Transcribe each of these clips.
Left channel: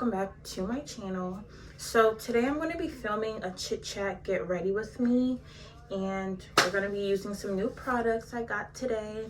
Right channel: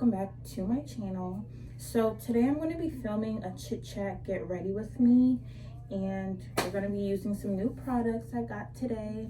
welcome back to my channel. So today I'm going to be filming a chit chat get ready with me, and we're going to be using some new products I got today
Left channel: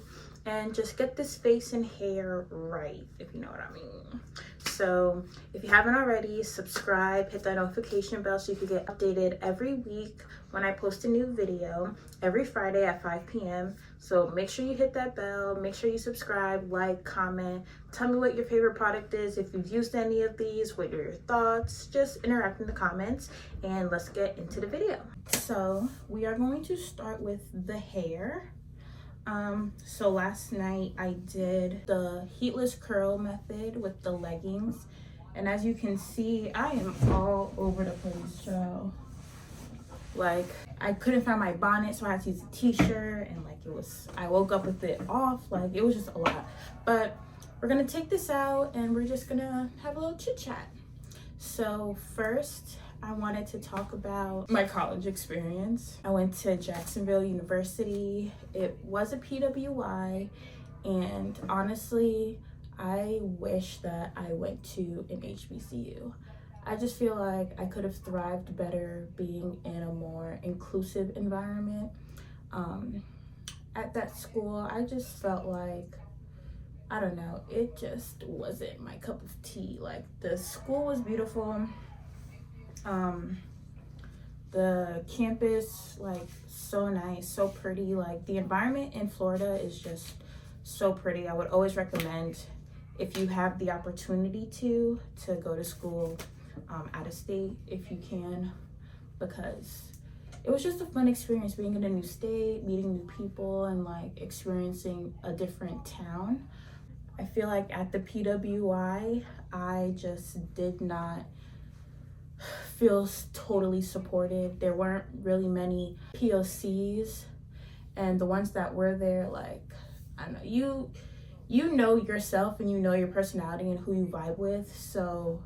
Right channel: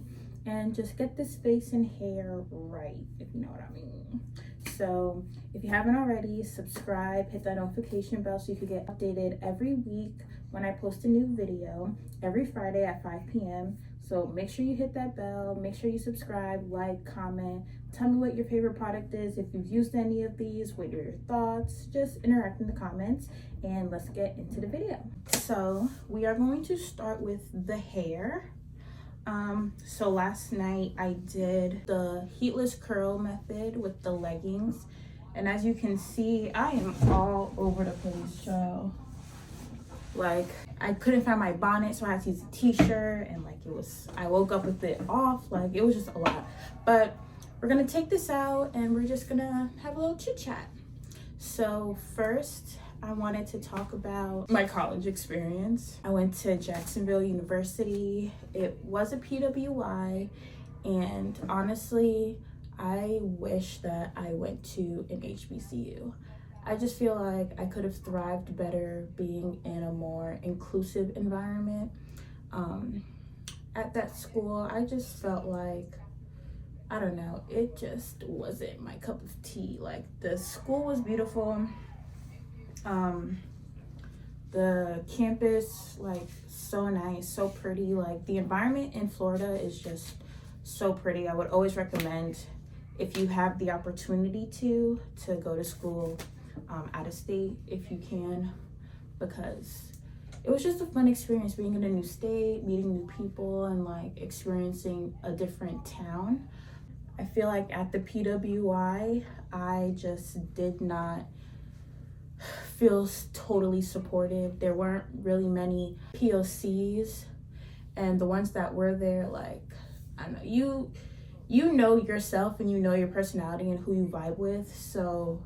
and just get this face and hair right, if you know what I mean. So if you haven't already, subscribe, hit that notification bell so you can get updated every week when I post a new video every Friday at 5 p.m. So make sure you hit that bell, make sure you subscribe, like, comment, tell me what your favorite product is, if you've used any of these, what are your thoughts, just interact in the comments, and let's get into the video. So we are going to start with the hair. So last night I did the heatless curl method with the leggings, and as you can see, I am all over the place, so like I couldn't find my bonnet, so I had to use a t-shirt, and like I woke up with it off, like it was just a lot. But we're gonna take this out and we're just gonna have a little chit chat. So first I wanted to talk about my college experience. I went to Jacksonville University. It was a PWI, and honestly I wish that I went to an HBCU. I just feel like I could have thrived better being in a more inclusive environment. At that school, I just felt like, I don't know, it just wasn't my cup of tea. Like, the school was beautiful. The campus, like, so nice, so pretty. Like, the environment in Florida is just so pretty. I would always recommend, if you have the opportunity to go to school out of state if you can, because it was just a fun experience being in a new state, meeting new people, and like experiencing a different town. I feel like at the PWI I just did not feel totally supported. There weren't really many POCs, and the ones that were there, like, I don't know, you know yourself and you know your personality and who you vibe with, so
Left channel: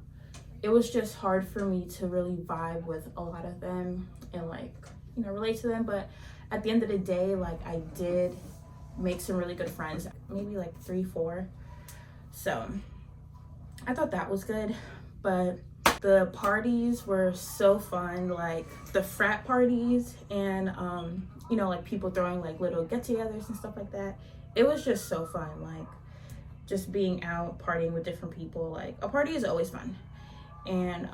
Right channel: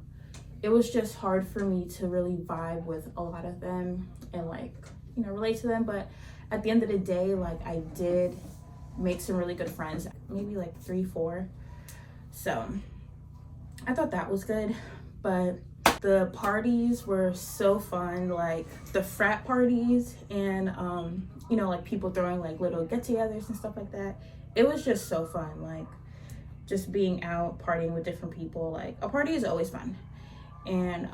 it was just hard for me to really vibe with a lot of them and, like, you know, relate to them. But at the end of the day, like, I did make some really good friends, maybe like 3-4. So I thought that was good. But the parties were so fun, like the frat parties, and you know, like people throwing like little get-togethers and stuff like that. It was just so fun, like just being out partying with different people. Like, a party is always fun. And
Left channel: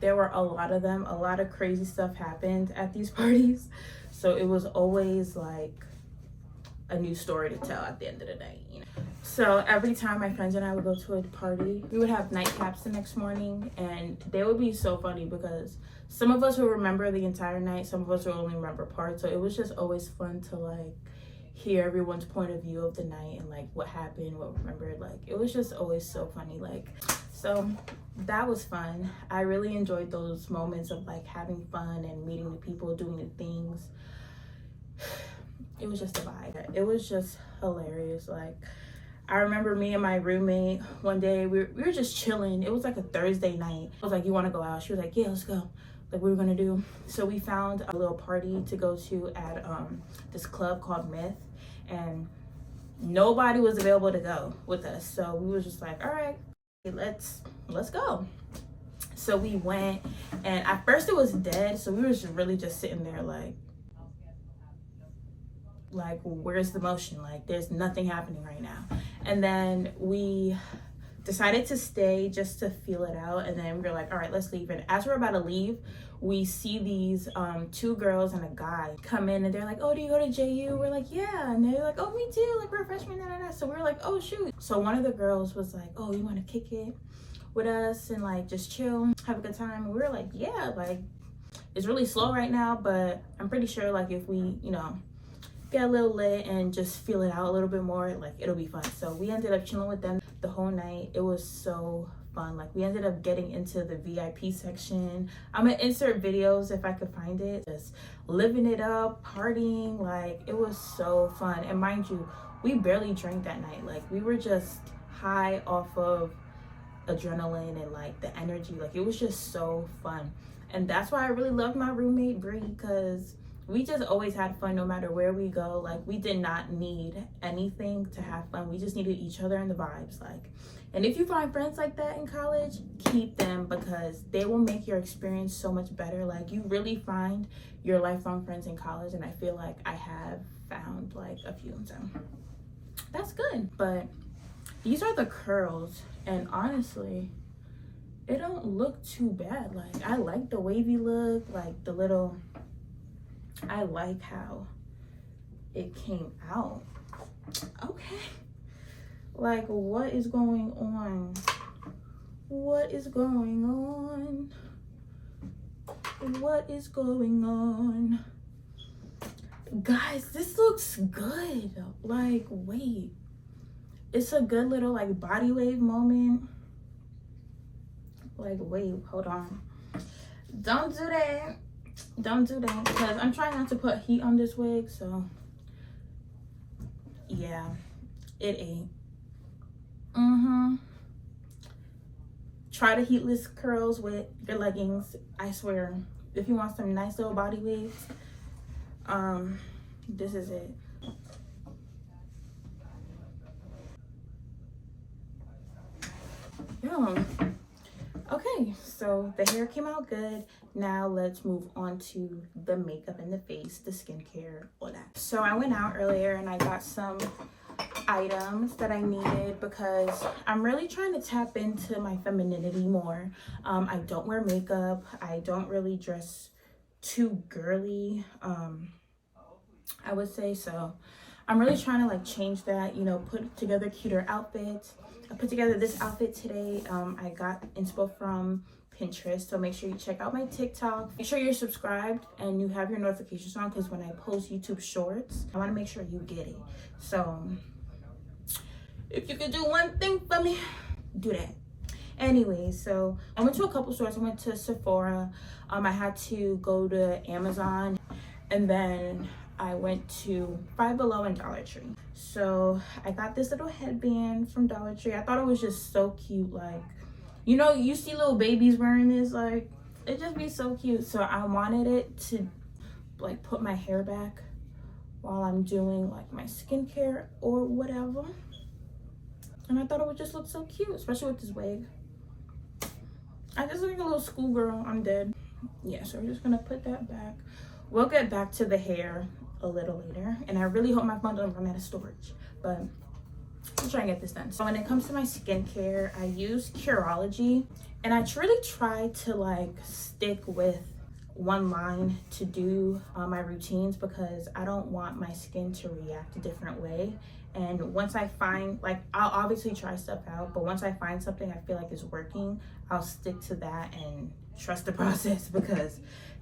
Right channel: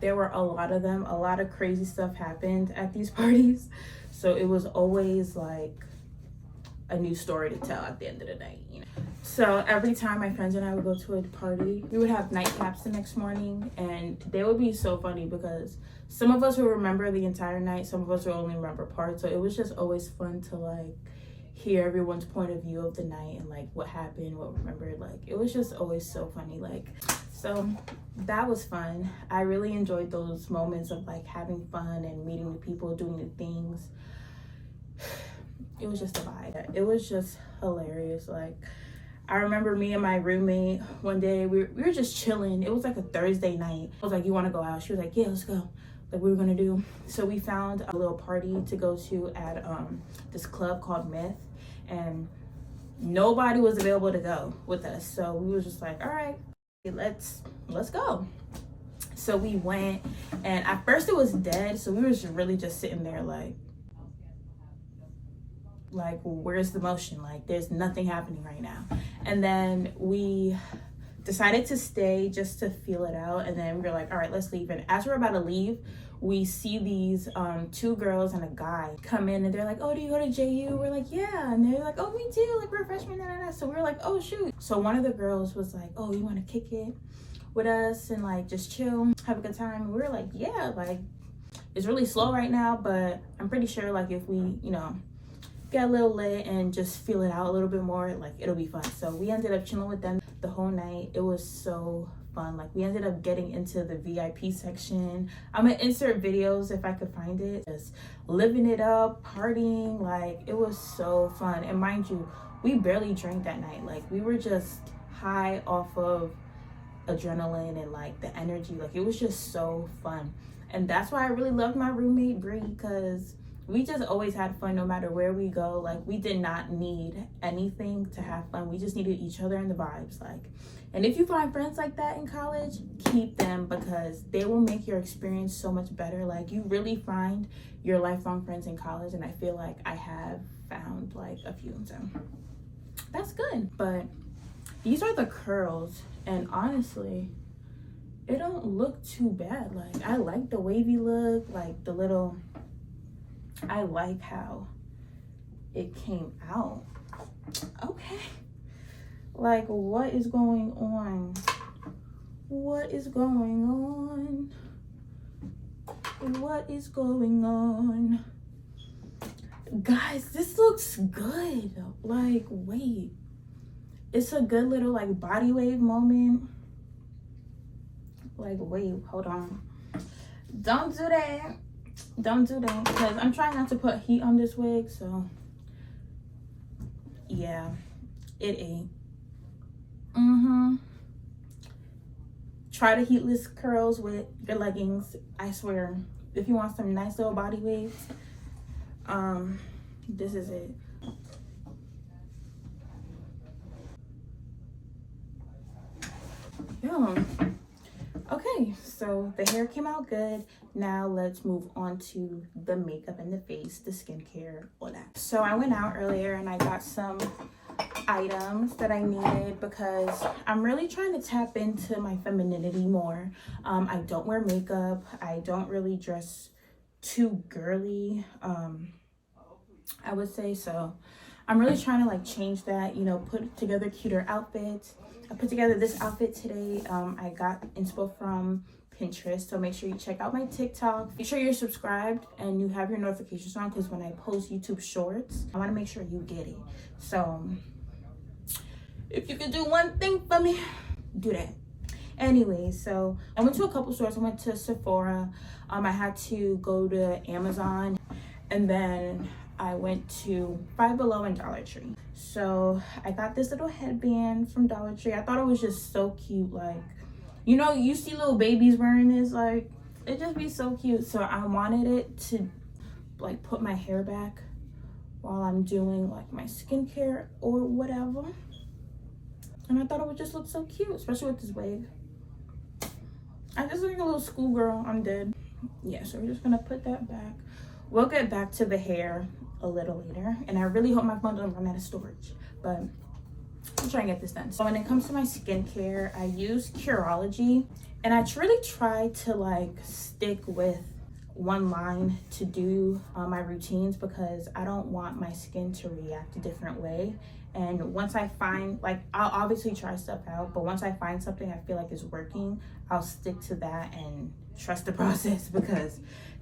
there were a lot of them. A lot of crazy stuff happened at these parties, so it was always like a new story to tell at the end of the night, you know. So every time my friends and I would go to a party, we would have nightcaps the next morning, and they would be so funny because some of us would remember the entire night, some of us would only remember parts. So it was just always fun to like hear everyone's point of view of the night and like what happened, what remembered. Like, it was just always so funny. Like, so that was fun. I really enjoyed those moments of like having fun and meeting new people, doing new things. It was just a vibe. It was just hilarious. Like, I remember me and my roommate one day, we were just chilling. It was like a Thursday night. I was like, you want to go out? She was like, yeah, let's go. Like, we were gonna do. So we found a little party to go to at this club called Myth, and nobody was available to go with us. So we was just like, all right, let's go. So we went, and at first it was dead, so we were just really just sitting there like where's the motion? Like, there's nothing happening right now. And then we decided to stay just to feel it out, and then we were like, all right, let's leave. And as we're about to leave, we see these 2 girls and a guy come in, and they're like, oh, do you go to JU? We're like, yeah. And they're like, oh, me too, like, we're freshmen, so we were like, oh shoot. So one of the girls was like, oh, you want to kick it with us and like just chill, have a good time? And we were like, yeah, like, it's really slow right now, but I'm pretty sure like if we, you know, get a little lit and just feel it out a little bit more, like, it'll be fun. So we ended up chilling with them the whole night. It was so fun. Like, we ended up getting into the VIP section. I'm gonna insert videos if I could find it. Just living it up, partying. Like, it was so fun. And mind you, we barely drank that night. Like, we were just high off of adrenaline and like the energy. Like, it was just so fun. And that's why I really loved my roommate Bree, because we just always had fun no matter where we go. Like, we did not need anything to have fun. We just needed each other and the vibes. Like, and if you find friends like that in college, keep them, because they will make your experience so much better. Like, you really find your lifelong friends in college, and I feel like I have found like a few, so that's good. But these are the curls, and honestly, it don't look too bad. Like, I like the wavy look, like the little, I like how it came out. Okay, like, what is going on? What is going on? What is going on? Guys, this looks good. Like, wait, it's a good little like body wave moment. Like, wait, hold on, don't do that, don't do that, because I'm trying not to put heat on this wig. So yeah, it ain't. Try the heatless curls with your leggings. I swear, if you want some nice little body waves, this is it. Yeah. Okay, so the hair came out good. Now let's move on to the makeup and the face, the skincare, all that. So I went out earlier and I got some items that I needed because I'm really trying to tap into my femininity more. I don't wear makeup. I don't really dress too girly, I would say. So I'm really trying to like change that, you know, put together cuter outfits. I put together this outfit today. I got inspo from Pinterest, so make sure you check out my TikTok. Make sure you're subscribed and you have your notifications on, because when I post YouTube shorts, I want to make sure you get it. So if you could do one thing for me, do that. Anyway, so I went to a couple stores. I went to Sephora. I had to go to Amazon, and then I went to Five Below and Dollar Tree. So I got this little headband from Dollar Tree. I thought it was just so cute. Like, you know, you see little babies wearing this, like, it just be so cute. So I wanted it to like put my hair back while I'm doing like my skincare or whatever. And I thought it would just look so cute, especially with this wig. I just look like a little schoolgirl. I'm dead. Yeah, so we're just gonna put that back. We'll get back to the hair a little later, and I really hope my phone doesn't run out of storage, but I'm trying to get this done. So when it comes to my skincare, I use Curology, and I really try to like stick with one line to do my routines, because I don't want my skin to react a different way. And once I find, like, I'll obviously try stuff out, but once I find something I feel like is working, I'll stick to that and trust the process, because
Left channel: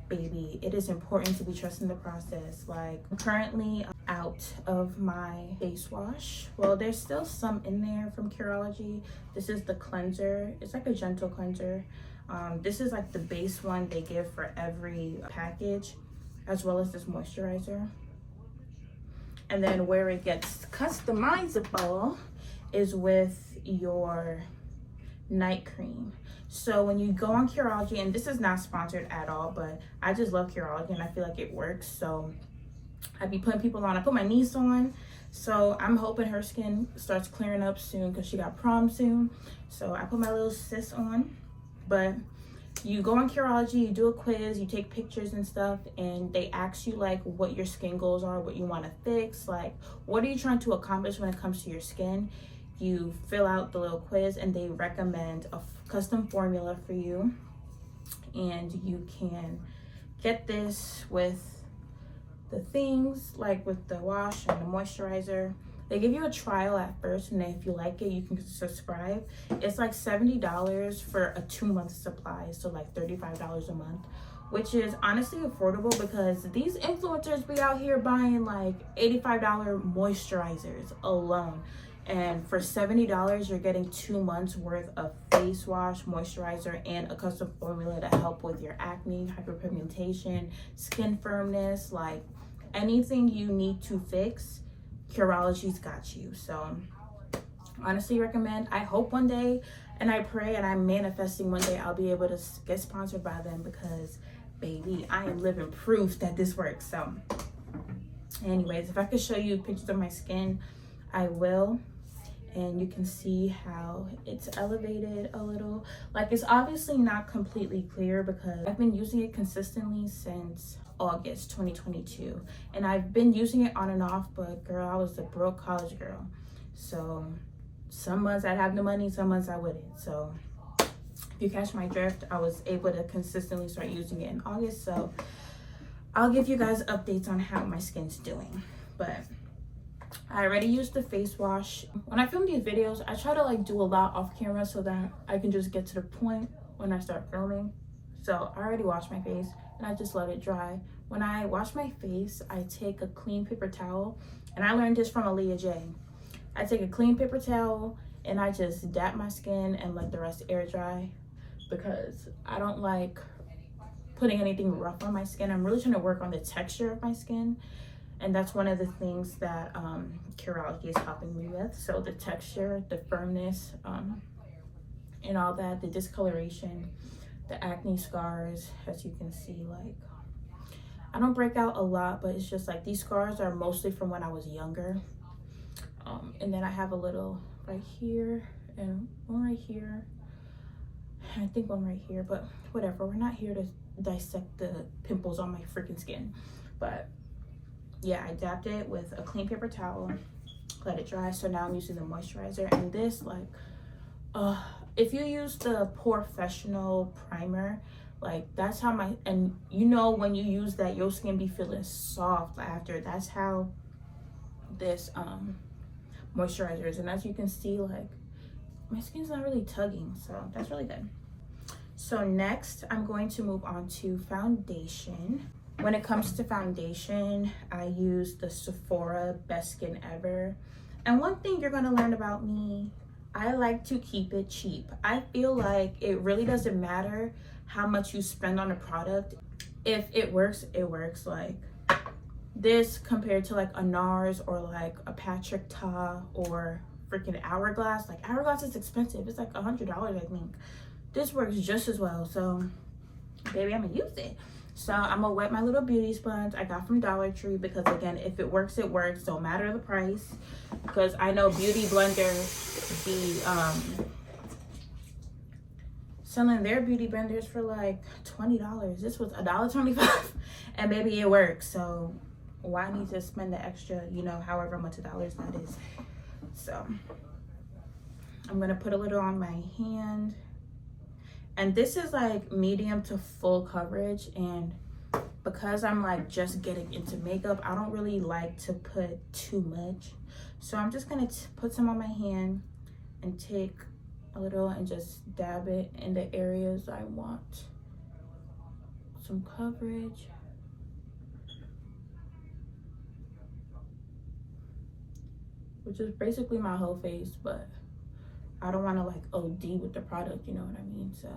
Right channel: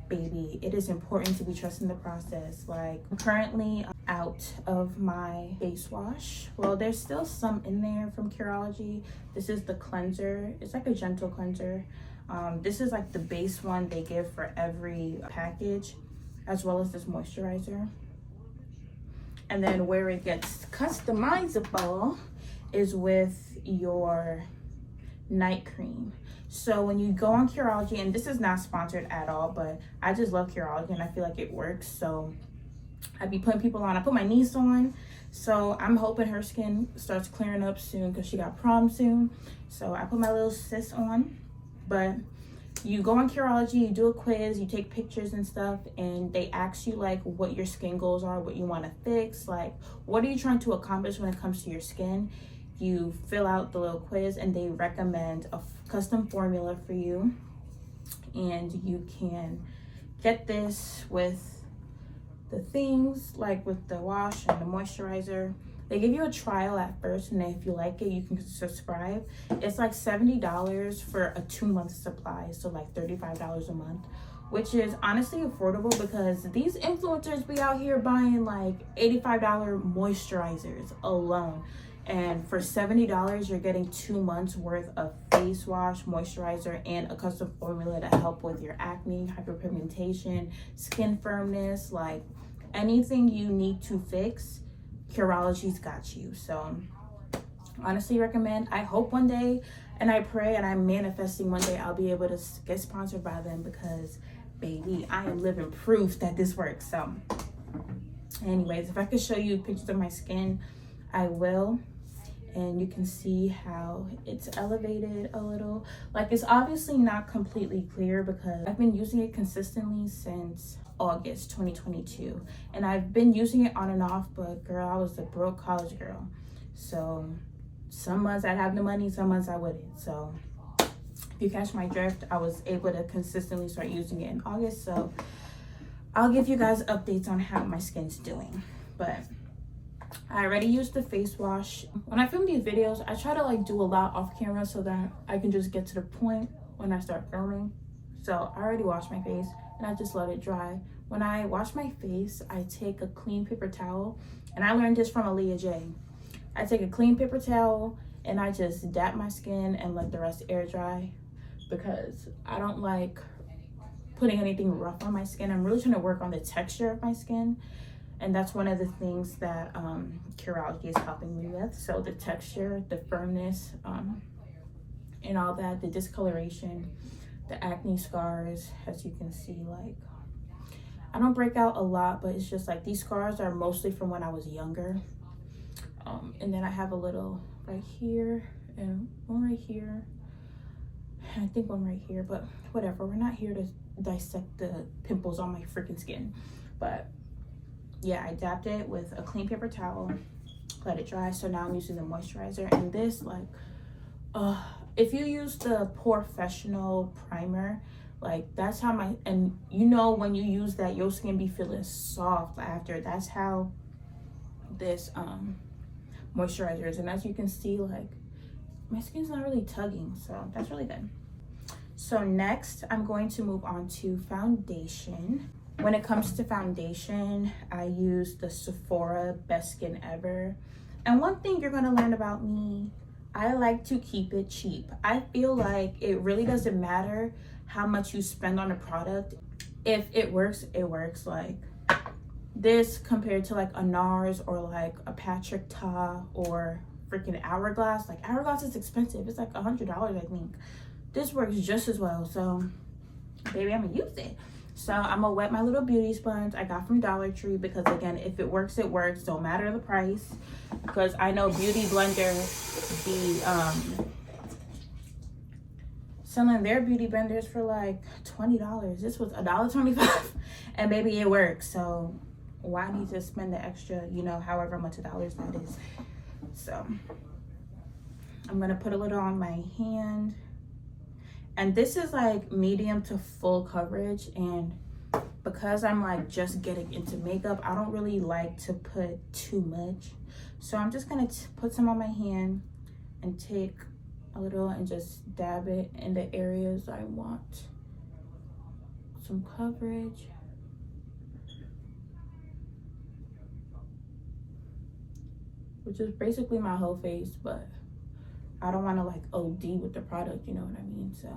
baby, it is important to be trusting the process. Like, I'm currently out of my face wash. Well, there's still some in there from Curology. This is the cleanser. It's like a gentle cleanser. This is like the base one they give for every package, as well as this moisturizer. And then where it gets customizable is with your night cream. So when you go on Curology, and this is not sponsored at all, but I just love Curology and I feel like it works. So I be putting people on. I put my niece on, so I'm hoping her skin starts clearing up soon, because she got prom soon. So I put my little sis on. But you go on Curology, you do a quiz, you take pictures and stuff, and they ask you like what your skin goals are, what you want to fix, like what are you trying to accomplish when it comes to your skin. You fill out the little quiz, and they recommend a custom formula for you, and you can get this with the things, like with the wash and the moisturizer. They give you a trial at first, and then if you like it, you can subscribe. It's like $70 for a 2-month supply, so like $35 a month, which is honestly affordable, because these influencers be out here buying like $85 moisturizers alone. And for $70, you're getting 2 months worth of face wash, moisturizer, and a custom formula to help with your acne, hyperpigmentation, skin firmness, like anything you need to fix, Curology's got you. So honestly recommend. I hope one day, and I pray and I'm manifesting one day, I'll be able to get sponsored by them, because baby, I am living proof that this works. So anyways, if I could show you pictures of my skin, I will. And you can see how it's elevated a little. Like, it's obviously not completely clear because I've been using it consistently since August 2022, and I've been using it on and off, but girl, I was a broke college girl, so some months I'd have the money, some months I wouldn't. So if you catch my drift, I was able to consistently start using it in August, so I'll give you guys updates on how my skin's doing. But I already used the face wash. When I film these videos, I try to like do a lot off camera so that I can just get to the point when I start filming. So I already washed my face and I just let it dry. When I wash my face, I take a clean paper towel, and I learned this from Aaliyah J. I take a clean paper towel and I just dap my skin and let the rest air dry, because I don't like putting anything rough on my skin. I'm really trying to work on the texture of my skin, and that's one of the things that Curology is helping me with. So the texture, the firmness, and all that, the discoloration, the acne scars, as you can see, like, I don't break out a lot, but it's just like these scars are mostly from when I was younger. And then I have a little right here and one right here. I think one right here, but whatever. We're not here to dissect the pimples on my freaking skin. But yeah, I dapped it with a clean paper towel, let it dry. So now I'm using the moisturizer, and this, like, if you use the Professional primer, like, that's how my, and you know, when you use that, your skin be feeling soft after. That's how this moisturizer is. And as you can see, like, my skin's not really tugging, so that's really good. So next, I'm going to move on to foundation. When it comes to foundation, I use the Sephora Best Skin Ever. And one thing you're gonna learn about me, I like to keep it cheap. I feel like it really doesn't matter how much you spend on a product. If it works, it works. Like this compared to like a NARS or like a Patrick Ta or freaking Hourglass. Like Hourglass is expensive. It's like $100, I think. This works just as well. So baby, I'm gonna use it. So I'm gonna wet my little beauty sponge I got from Dollar Tree, because again, if it works, it works. Don't matter the price, because I know Beauty Blender be selling their beauty blenders for like $20. This was $1.25 and baby, it works. So why need to spend the extra, you know, however much dollars that is. So I'm gonna put a little on my hand. And this is like medium to full coverage, and because I'm like just getting into makeup, I don't really like to put too much. So I'm just gonna put some on my hand and take a little and just dab it in the areas I want some coverage. Which is basically my whole face, but I don't want to like OD with the product, you know what I mean? So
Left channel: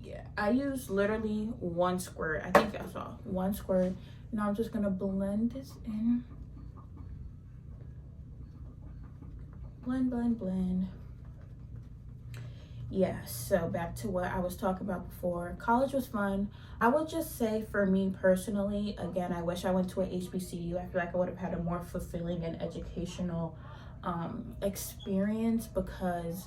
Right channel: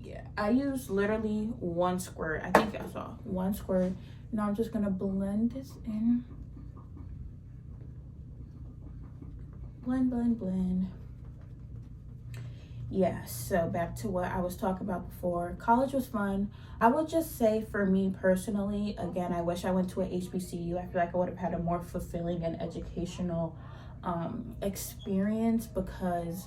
yeah, I use literally one squirt. I think I saw one squirt. Now I'm just gonna blend this in. Blend, blend, blend. Yeah, so back to what I was talking about before. College was fun. I would just say, for me personally, again, I wish I went to a HBCU. I feel like I would have had a more fulfilling and educational experience, because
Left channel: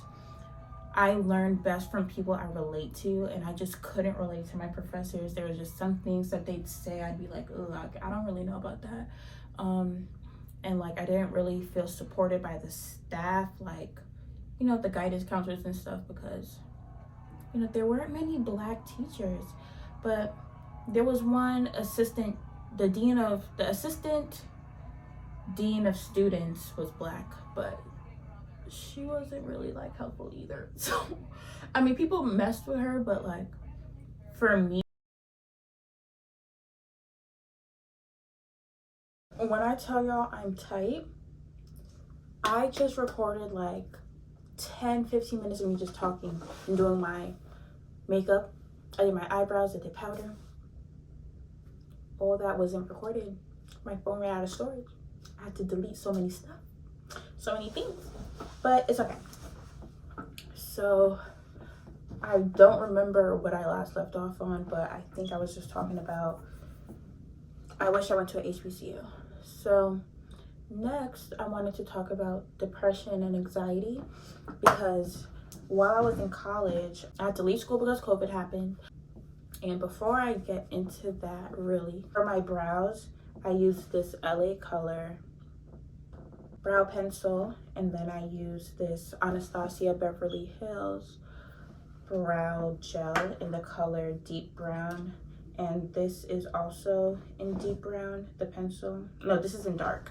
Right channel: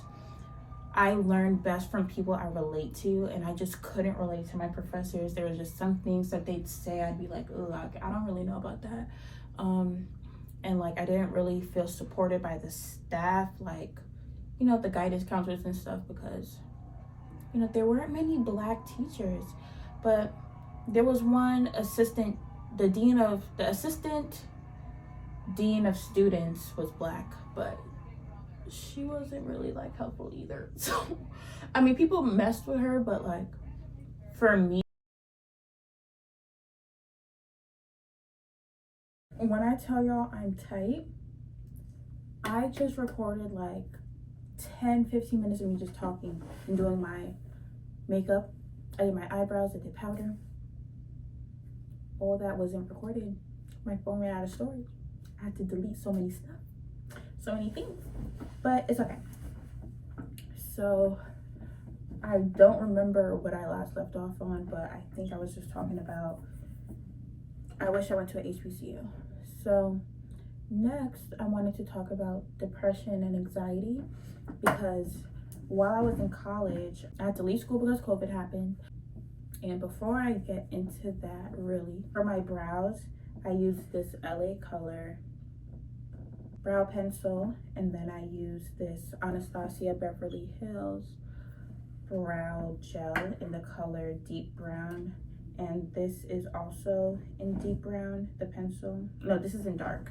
I learned best from people I relate to, and I just couldn't relate to my professors. There was just some things that they'd say, I'd be like, oh, I don't really know about that. And like, I didn't really feel supported by the staff, like, you know, the guidance counselors and stuff, because, you know, there weren't many Black teachers. But there was one assistant, the assistant dean of students was Black, but she wasn't really like helpful either. So I mean, people messed with her, but like, for me, when I tell y'all I'm tight, I just recorded like 10-15 minutes of me just talking and doing my makeup. I did my eyebrows, I did powder. All that wasn't recorded. My phone ran out of storage. I had to delete so many stuff, so many things, but it's okay. So I don't remember what I last left off on, but I think I was just talking about, I wish I went to an HBCU. So next, I wanted to talk about depression and anxiety, because while I was in college, I had to leave school because COVID happened. And before I get into that, really, for my brows, I used this LA Color brow pencil, and then I used this Anastasia Beverly Hills brow gel in the color deep brown, and this is also in deep brown, the pencil. No, this is in dark.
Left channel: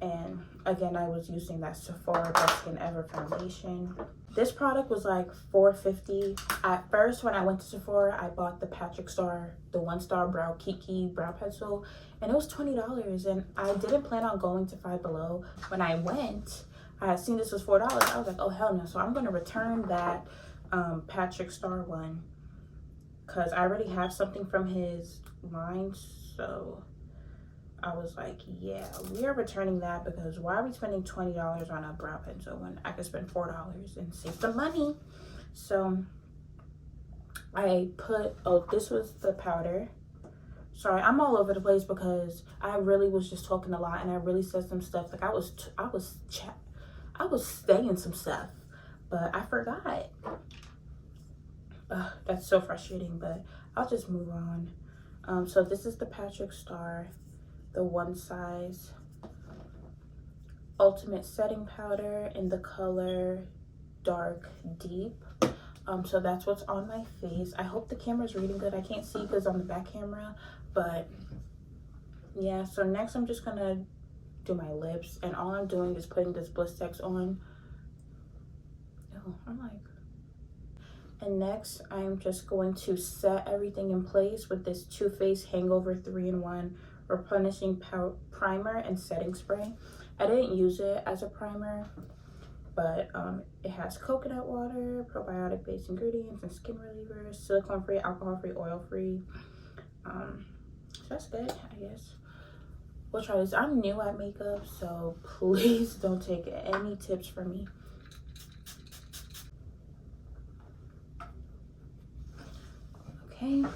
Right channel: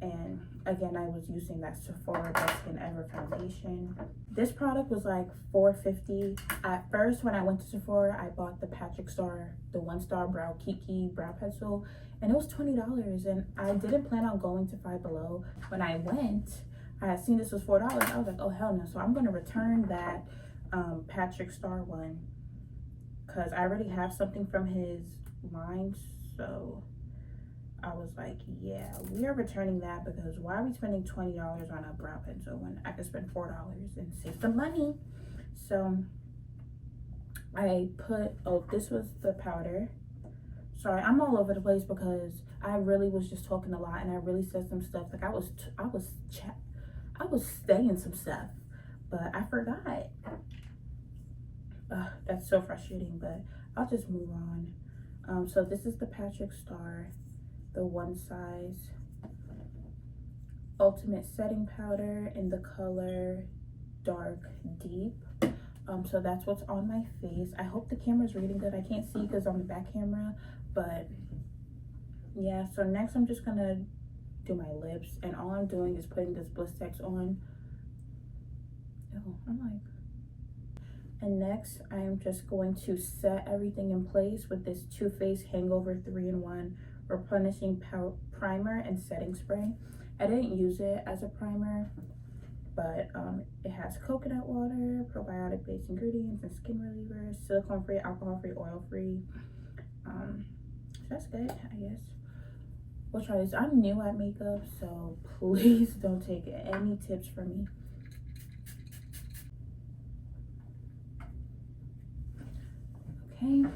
And again, I was using that Sephora Best Skin Ever foundation. This product was like $4.50. At first, when I went to Sephora, I bought the Patrick Star, the 1-star brow Kiki brow pencil, and it was $20. And I didn't plan on going to Five Below. When I went, I had seen this was $4. I was like, oh hell no! So I'm gonna return that Patrick Star one, because I already have something from his line. So I was like, yeah, we are returning that, because why are we spending $20 on a brow pencil when I could spend $4 and save some money? So I put, oh, this was the powder. Sorry, I'm all over the place because I really was just talking a lot, and I really said some stuff. Like I was saying some stuff, but I forgot. That's so frustrating, but I'll just move on. So this is the Patrick Star, the 1 size ultimate setting powder in the color dark deep. So that's what's on my face. I hope the camera's reading good. I can't see because on the back camera, but yeah. So next I'm just gonna do my lips, and all I'm doing is putting this Blistex on. Oh, I'm like, and next I'm just going to set everything in place with this Too Faced Hangover 3-in-1 Replenishing primer and setting spray. I didn't use it as a primer, but it has coconut water, probiotic based ingredients, and skin relievers, silicone free, alcohol free, oil free. So that's good, I guess. We'll try this. I'm new at makeup, so please don't take any tips from me. Okay.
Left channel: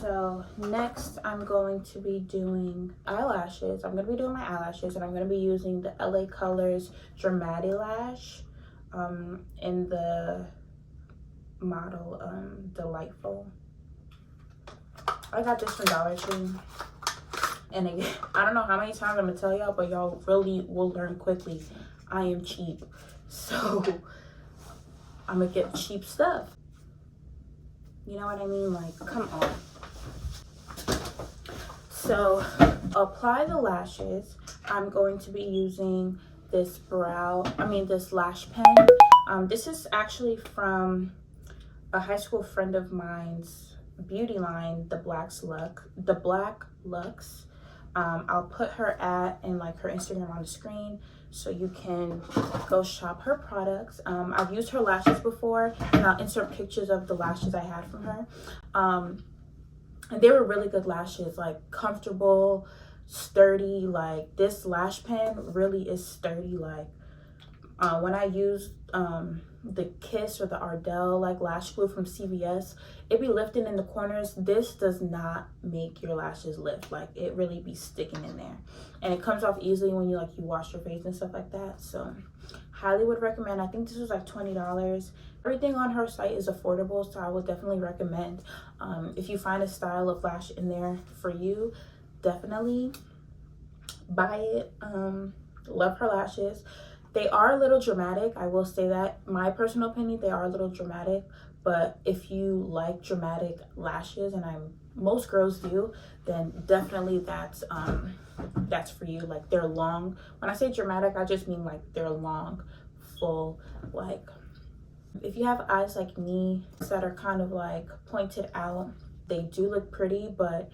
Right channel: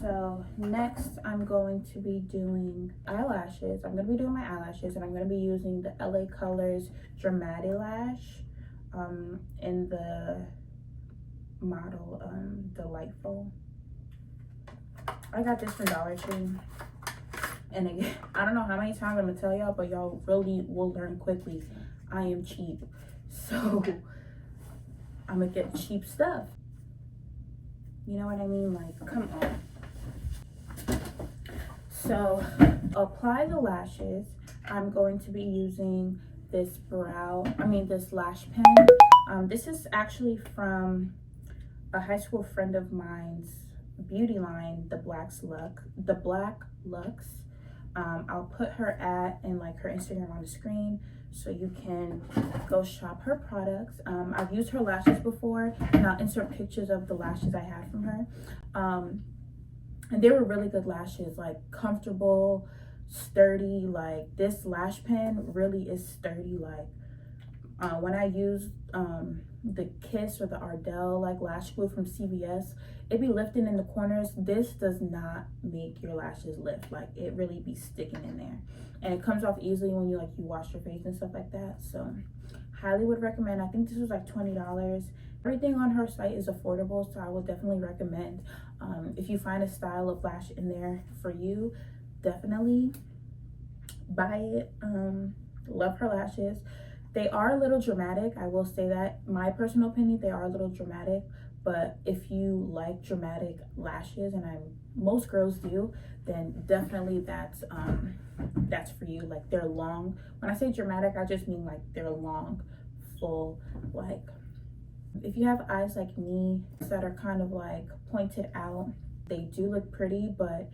So next I'm going to be doing eyelashes. I'm going to be doing my eyelashes, and I'm going to be using the LA Colors Dramatic Lash in the model Delightful. I got this from Dollar Tree, and again, I don't know how many times I'm going to tell y'all, but y'all really will learn quickly. I am cheap, so I'm going to get cheap stuff. You know what I mean? Like, come on. So apply the lashes. I'm going to be using this this lash pen. This is actually from a high school friend of mine's beauty line, the Black Lux. I'll put her and like her Instagram on the screen, so you can go shop her products. I've used her lashes before, and I'll insert pictures of the lashes I had from her. And they were really good lashes, like comfortable, sturdy. Like this lash pen really is sturdy. Like when I used the Kiss or the Ardell like lash glue from CVS, it be lifting in the corners. This does not make your lashes lift. Like it really be sticking in there, and it comes off easily when you wash your face and stuff like that. So highly would recommend. I think this was like $20. Everything on her site is affordable, so I would definitely recommend. If you find a style of lash in there for you, definitely buy it. Love her lashes. They are a little dramatic, I will say that. My personal opinion, they are a little dramatic, but if you like dramatic lashes, and most girls do, then definitely that's for you. Like they're long. When I say dramatic, I just mean like they're long, full. Like if you have eyes like me that are kind of like pointed out, they do look pretty, but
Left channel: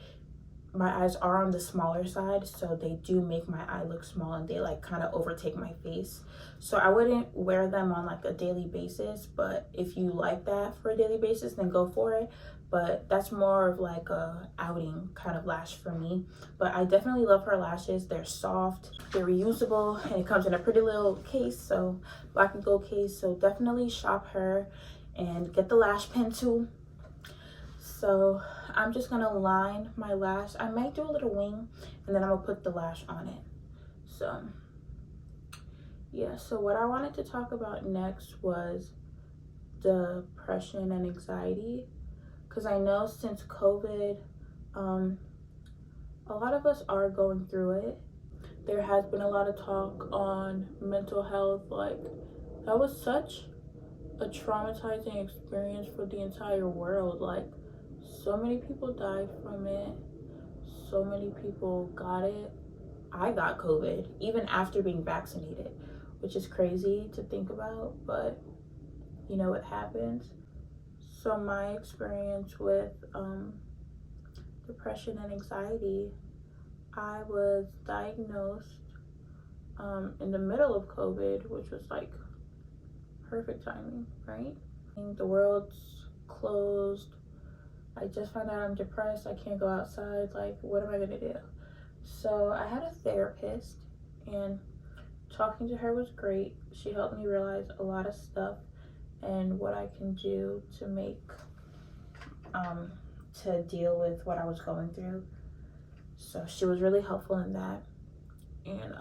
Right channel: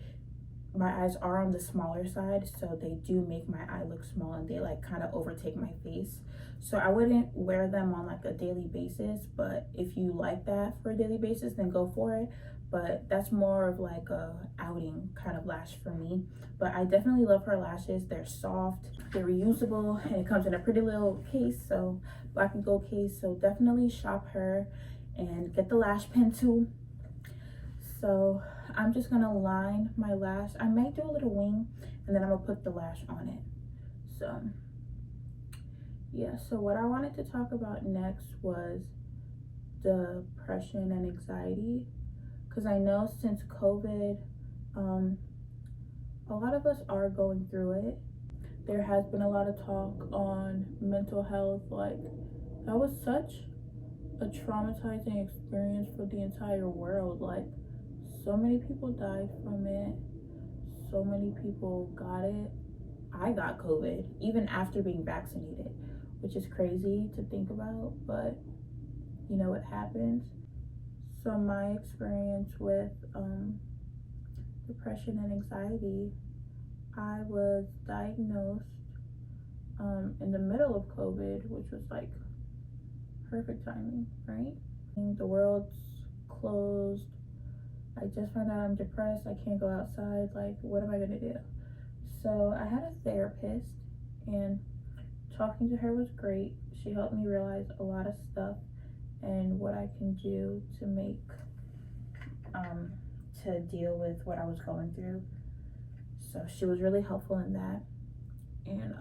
my eyes are on the smaller side, so they do make my eye look small, and they like kind of overtake my face. So I wouldn't wear them on like a daily basis, but if you like that for a daily basis, then go for it. But that's more of like a outing kind of lash for me. But I definitely love her lashes. They're soft, they're reusable, and it comes in a pretty little case, so black and gold case. So definitely shop her. and get the lash pen tool. So I'm just gonna line my lash. I might do a little wing, and then I'm gonna put the lash on it. So yeah, so what I wanted to talk about next was depression and anxiety, because I know since COVID, a lot of us are going through it. There has been a lot of talk on mental health. Like, that was such a traumatizing experience for the entire world. Like, so many people died from it, so many people got it. I got COVID even after being vaccinated, which is crazy to think about, but you know, it happens. So my experience with depression and anxiety, I was diagnosed in the middle of COVID, which was like perfect timing, right? The world's closed. I just found out I'm depressed. I can't go outside. Like, what am I gonna do? So I had a therapist, and talking to her was great. She helped me realize a lot of stuff and what I can do to make to deal with what I was going through. So she was really helpful in that. And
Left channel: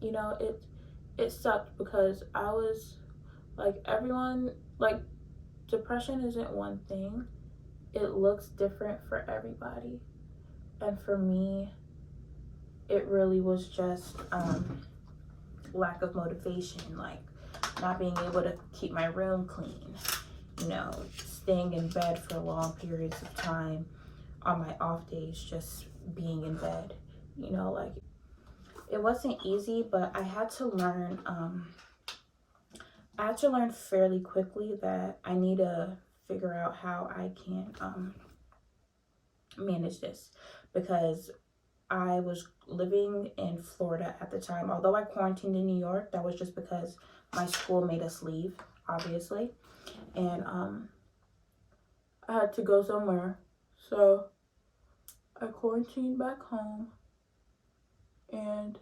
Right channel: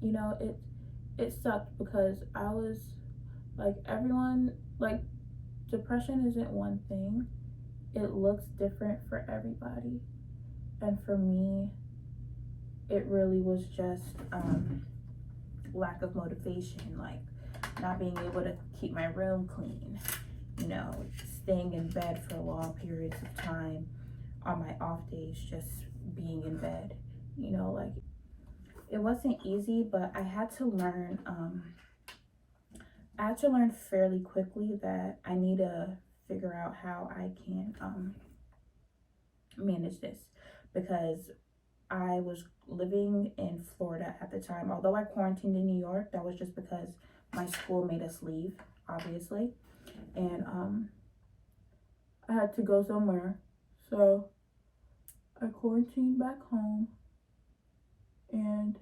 you know, it sucked because I was like, everyone, like, depression isn't one thing. It looks different for everybody. And for me, it really was just lack of motivation, like not being able to keep my room clean, you know, staying in bed for long periods of time on my off days, just being in bed, you know, like, it wasn't easy, but I had to learn fairly quickly that I need to figure out how I can manage this, because I was living in Florida at the time. Although I quarantined in New York, that was just because my school made us leave, obviously. And I had to go somewhere. So I quarantined back home. And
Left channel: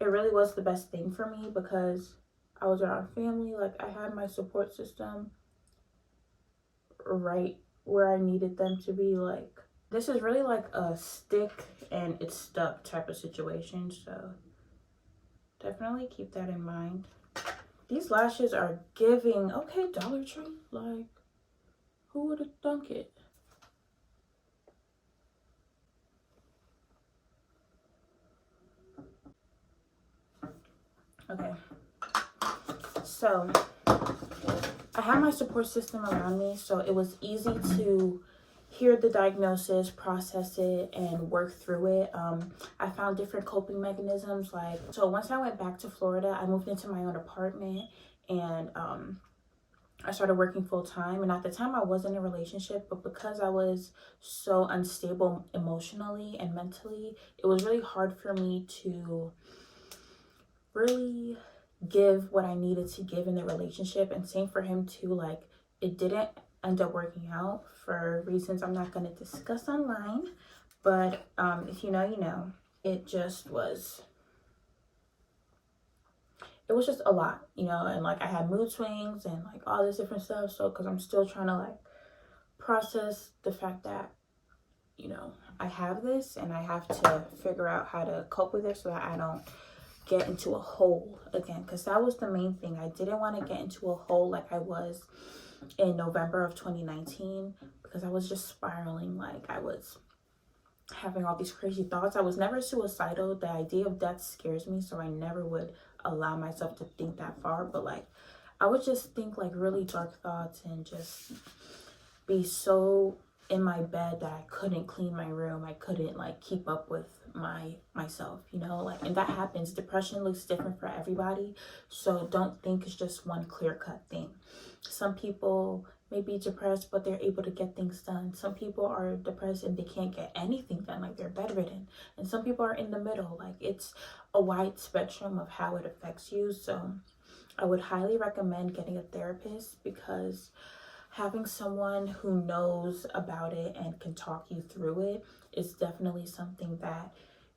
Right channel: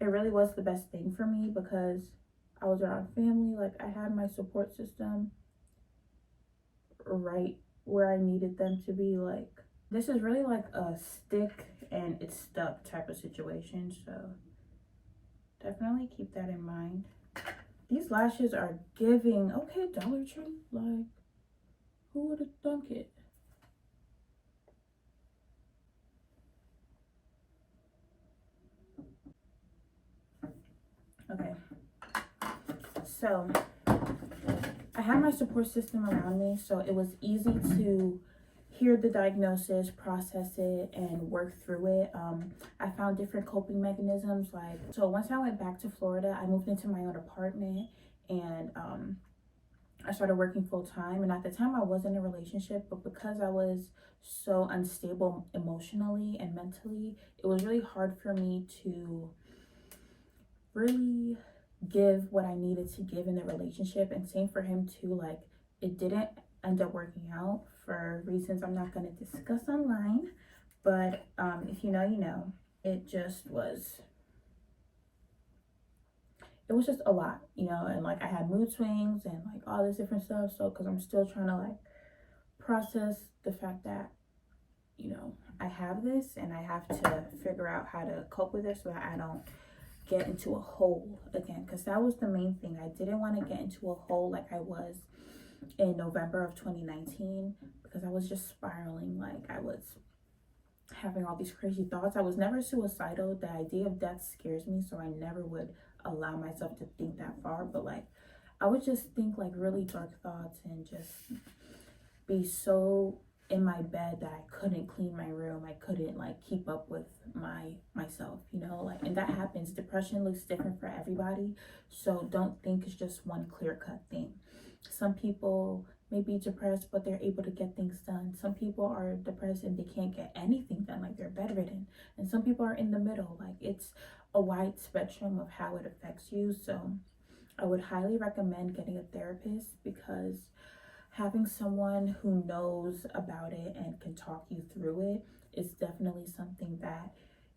it really was the best thing for me because I was around family. Like, I had my support system right where I needed them to be. Like, this is really like a stick and it's stuck type of situation. So definitely keep that in mind. These lashes are giving, okay, Dollar Tree. Like, who would have thunk it? Okay, so I had my support system around me, so it was easy to hear the diagnosis, process it, and work through it. I found different coping mechanisms. Like, so once I went back to Florida, I moved into my own apartment, and I started working full time. And at the time I was in a relationship, but because I was so unstable emotionally and mentally, it was really hard for me to really give what I needed to give in the relationship. And same for him too. Like, it didn't end up working out for reasons I'm not going to discuss online, but if you know, you know. It was just a lot, you know. And like, I had mood swings and like all this different stuff. So because I'm still trying to like process the fact that, you know, I have this and I have to figure out how to cope with it so that I don't get into a hole again, because that was the main thing. I didn't want to get into a hole like I was in November of 2019, because I was just spiraling. Like, I was having all these crazy thoughts. I was never suicidal. The idea of death scares me, so I never would allow myself to think that far. But like, I would just think like really dark thoughts and just be so in my bed that I couldn't clean my room. I couldn't like keep up with myself, you know. Like, and that happens. Depression looks different for everybody, so don't think it's just one clear-cut thing. Some people may be depressed but they're able to get things done. Some people are depressed and they can't get anything done, like they're bedridden. And some people are in the middle. Like, it's a wide spectrum of how it affects you. So I would highly recommend getting a therapist, because having someone who knows about it and can talk you through it is definitely something that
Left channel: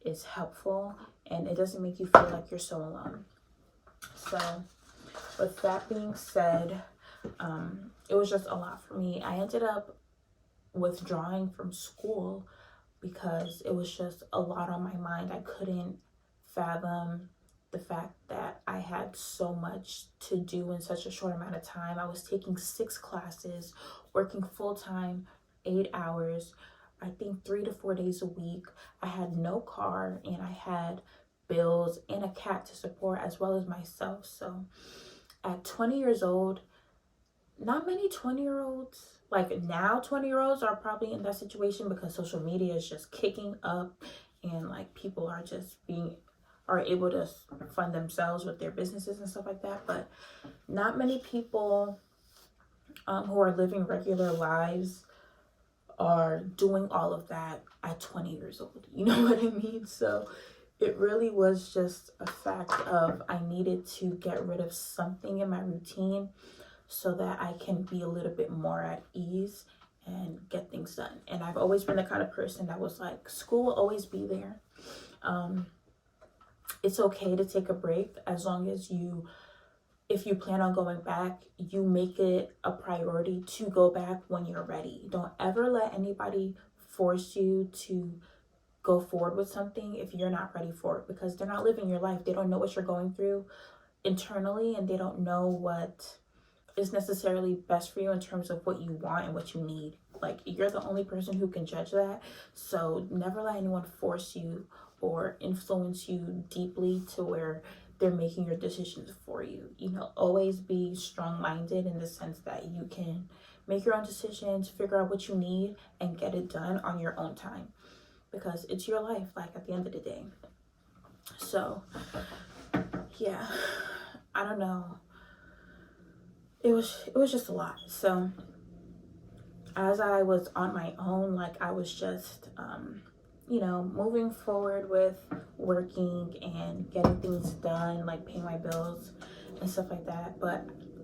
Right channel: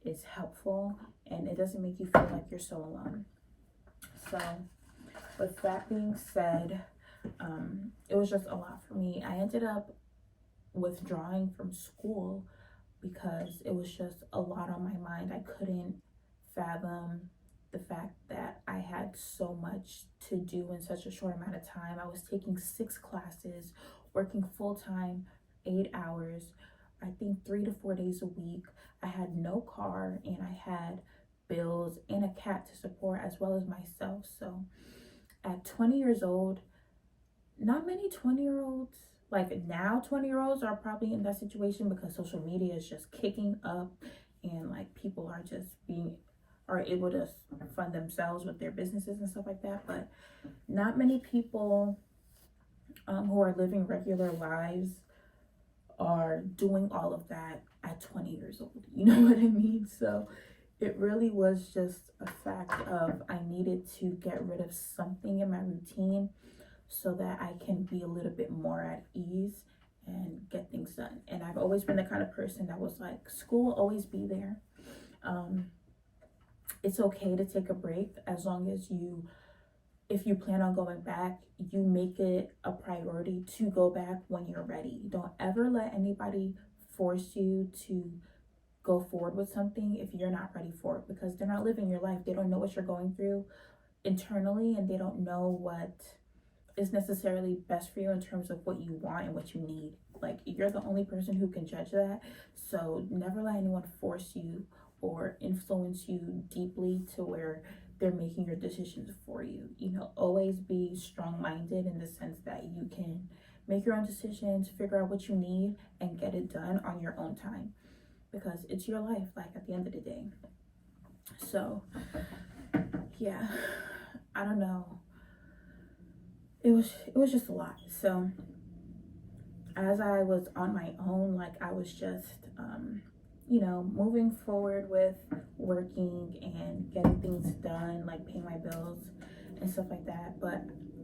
is helpful, and it doesn't make you feel like you're so alone. So with that being said, It was just a lot for me. I ended up withdrawing from school because it was just a lot on my mind. I couldn't fathom the fact that I had so much to do in such a short amount of time. I was taking 6 classes, working full-time, 8 hours, I think 3 to 4 days a week. I had no car, and I had bills and a cat to support as well as myself. So at 20 years old, not many 20-year-olds, like now 20-year-olds are probably in that situation because social media is just kicking up, and like people are able to fund themselves with their businesses and stuff like that. But not many people who are living regular lives are doing all of that at 20 years old. You know what I mean? So it really was just a fact of I needed to get rid of something in my routine so that I can be a little bit more at ease and get things done. And I've always been the kind of person that was like, school will always be there. It's okay to take a break as long as if you plan on going back, you make it a priority to go back when you're ready. Don't ever let anybody force you to go forward with something if you're not ready for it, because they're not living your life. They don't know what you're going through internally, and they don't know what is necessarily best for you in terms of what you want and what you need. Like, you're the only person who can judge that. So never let anyone force you or influence you deeply to where they're making your decisions for you. You know, always be strong-minded in the sense that you can make your own decisions, figure out what you need, and get it done on your own time, because it's your life, like, at the end of the day. So yeah, I don't know, it was just a lot. So as I was on my own, like, I was just you know, moving forward with working and getting things done, like paying my bills and stuff like that. But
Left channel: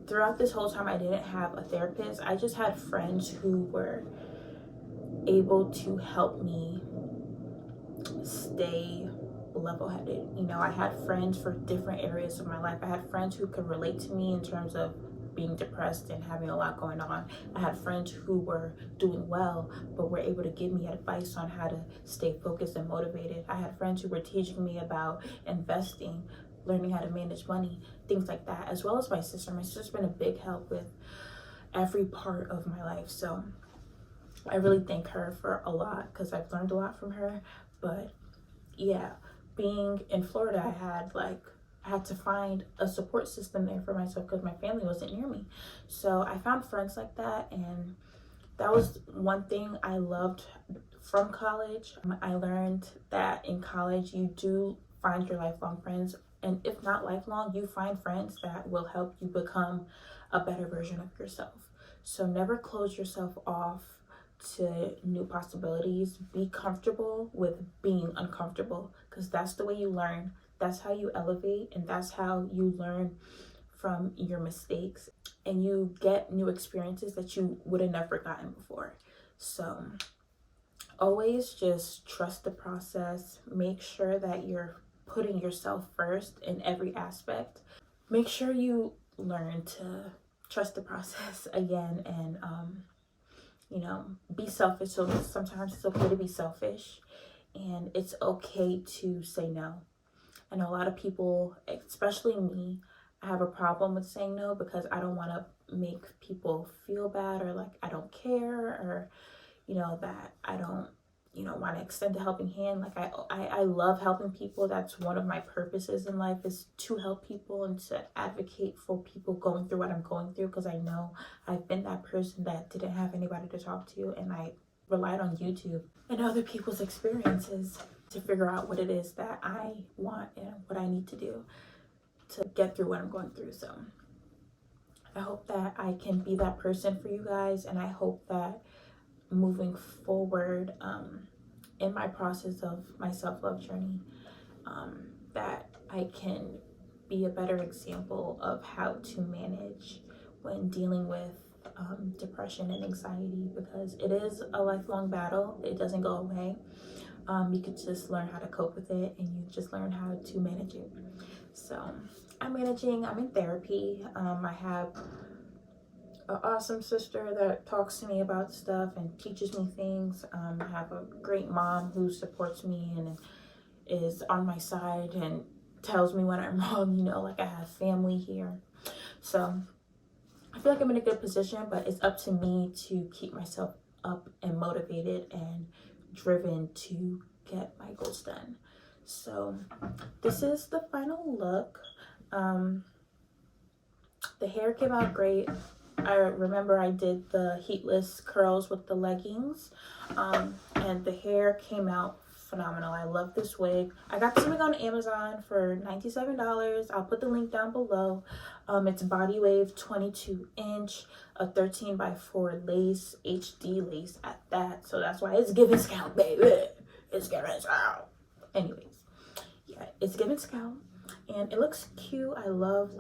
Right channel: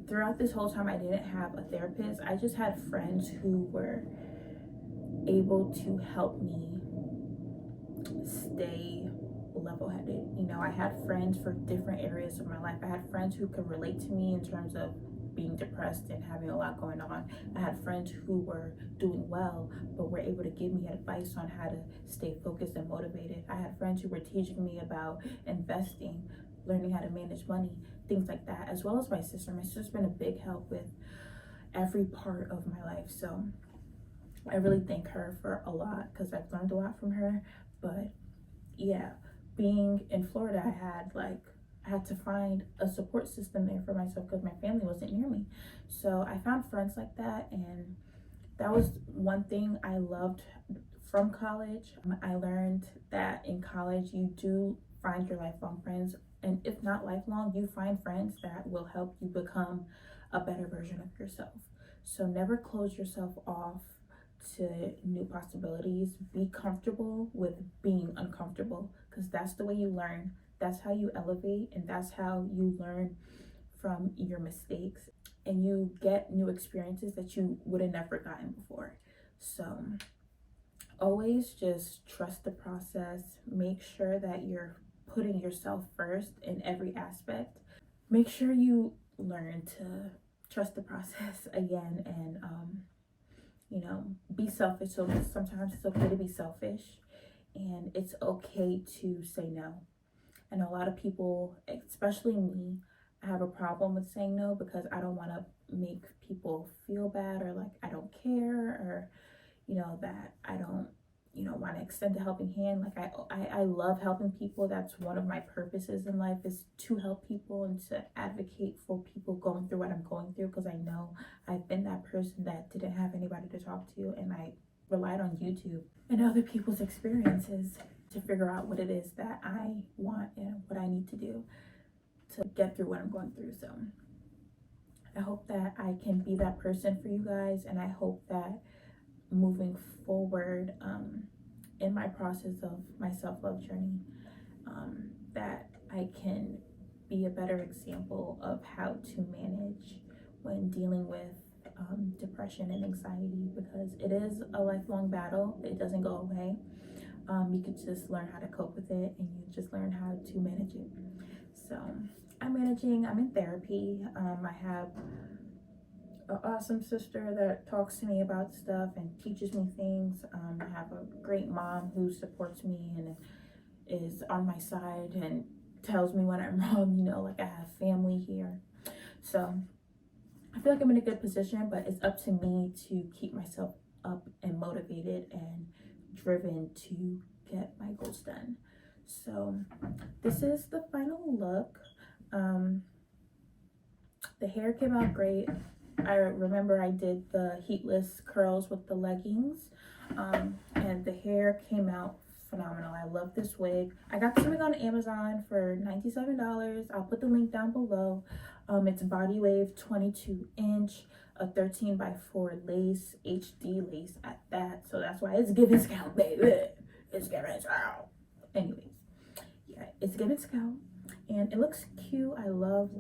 throughout this whole time, I didn't have a therapist. I just had friends who were able to help me stay level-headed. You know, I had friends for different areas of my life. I had friends who could relate to me in terms of being depressed and having a lot going on. I had friends who were doing well but were able to give me advice on how to stay focused and motivated. I had friends who were teaching me about investing, learning how to manage money, things like that, as well as my sister. My sister's been a big help with every part of my life. So I really thank her for a lot, because I've learned a lot from her. But yeah, being in Florida, I had to find a support system there for myself because my family wasn't near me. So I found friends like that, and that was one thing I loved from college. I learned that in college you do find your lifelong friends, and if not lifelong, you find friends that will help you become a better version of yourself. So never close yourself off to new possibilities. Be comfortable with being uncomfortable, because that's the way you learn. That's how you elevate, and that's how you learn from your mistakes, and you get new experiences that you would have never gotten before. So always just trust the process. Make sure that you're putting yourself first in every aspect. Make sure you learn to trust the process again, and you know, be selfish. So sometimes it's okay to be selfish, and it's okay to say no. And a lot of people, especially me, I have a problem with saying no, because I don't want to make people feel bad, or like I don't care, or you know, that I don't, you know, want to extend a helping hand. Like I love helping people. That's one of my purposes in life, is to help people and to advocate for people going through what I'm going through, because I know I've been that person that didn't have anybody to talk to, and I relied on YouTube and other people's experiences to figure out what it is that I want and what I need to do to get through what I'm going through. So I hope that I can be that person for you guys, and I hope that moving forward in my process of my self-love journey, that I can be a better example of how to manage when dealing with depression and anxiety, because it is a lifelong battle. It doesn't go away. You could just learn how to cope with it, and you just learn how to manage it. So I'm in therapy. I have an awesome sister that talks to me about stuff and teaches me things. I have a great mom who supports me and is on my side and tells me when I'm wrong. You know, like I have family here. So I feel like I'm in a good position, but it's up to me to keep myself up and motivated and driven to get my goals done. So this is the final look. The hair came out great. I remember I did the heatless curls with the leggings, and the hair came out phenomenal. I love this wig. I got this wig on Amazon for $97. I'll put the link down below. It's body wave 22-inch, a 13x4 lace, HD lace at that. So that's why it's giving scalp, baby. It's giving scalp. Anyways, yeah, it's giving scalp, and it looks cute. I love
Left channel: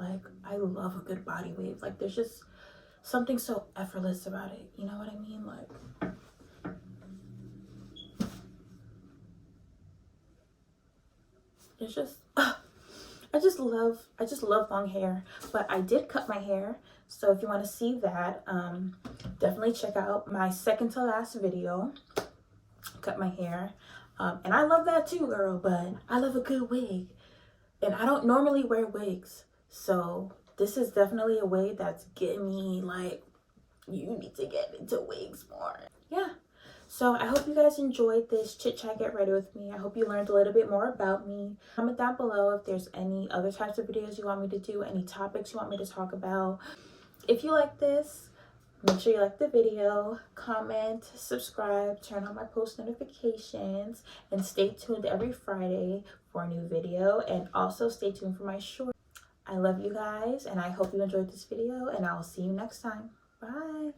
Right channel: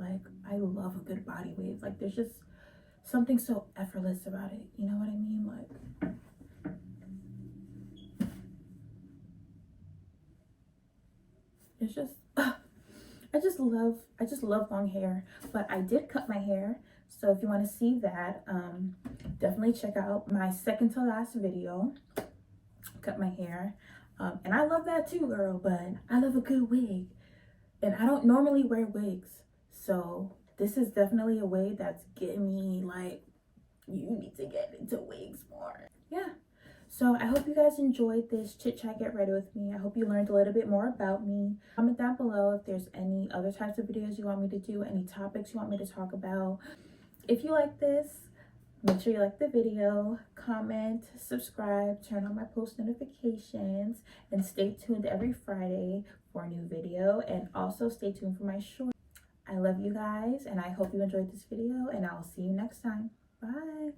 a good body wave. Like, there's just something so effortless about it. You know what I mean? Like, it's just, I just love long hair. But I did cut my hair, so if you want to see that, definitely check out my second to last video. Cut my hair, and I love that too, girl. But I love a good wig, and I don't normally wear wigs, so this is definitely a way that's getting me like, you need to get into wigs more. Yeah. So I hope you guys enjoyed this chit chat, get ready with me. I hope you learned a little bit more about me. Comment down below if there's any other types of videos you want me to do, any topics you want me to talk about. If you like this, make sure you like the video, comment, subscribe, turn on my post notifications, and stay tuned every Friday for a new video. And also stay tuned for my short. I love you guys, and I hope you enjoyed this video, and I'll see you next time. Bye.